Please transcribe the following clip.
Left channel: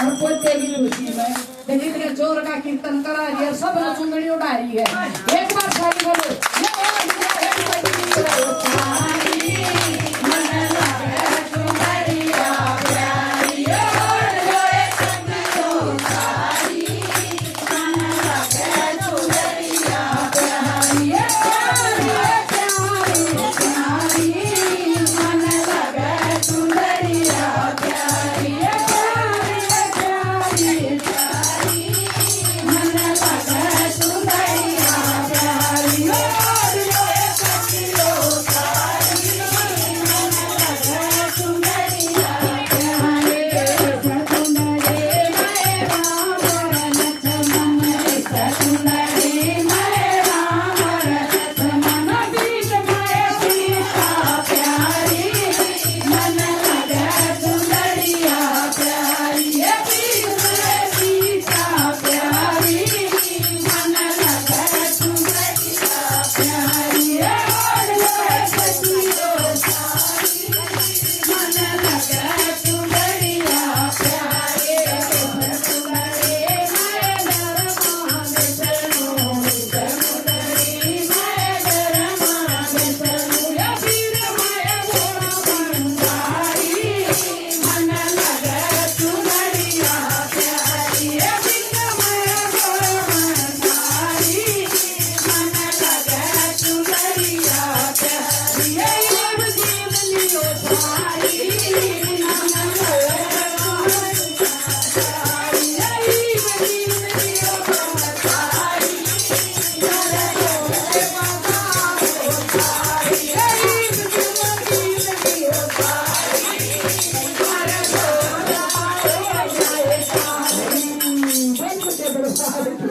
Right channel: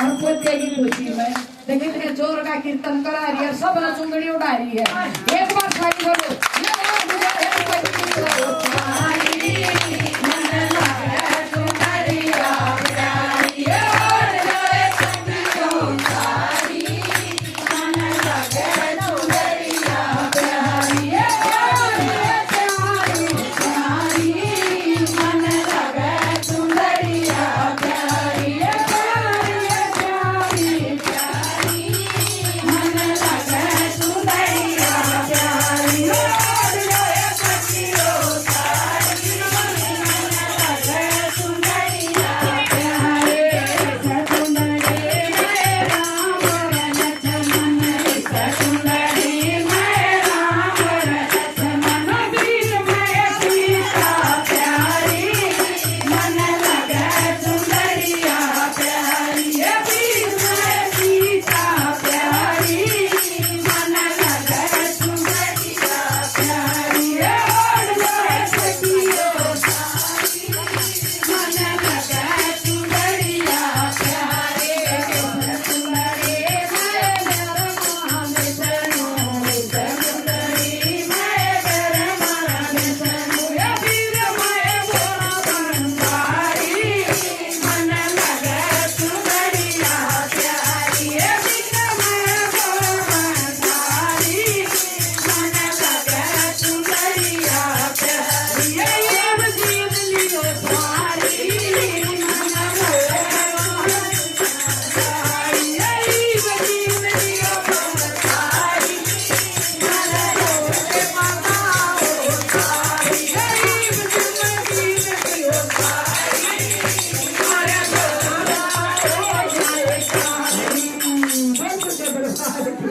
और पोते की खुशी में जितने जोर का कीर्तन करा रही है सब ने चुंगड़ी उड़ा रही है एक बार साइड बोलो ये बोलो मुझे एक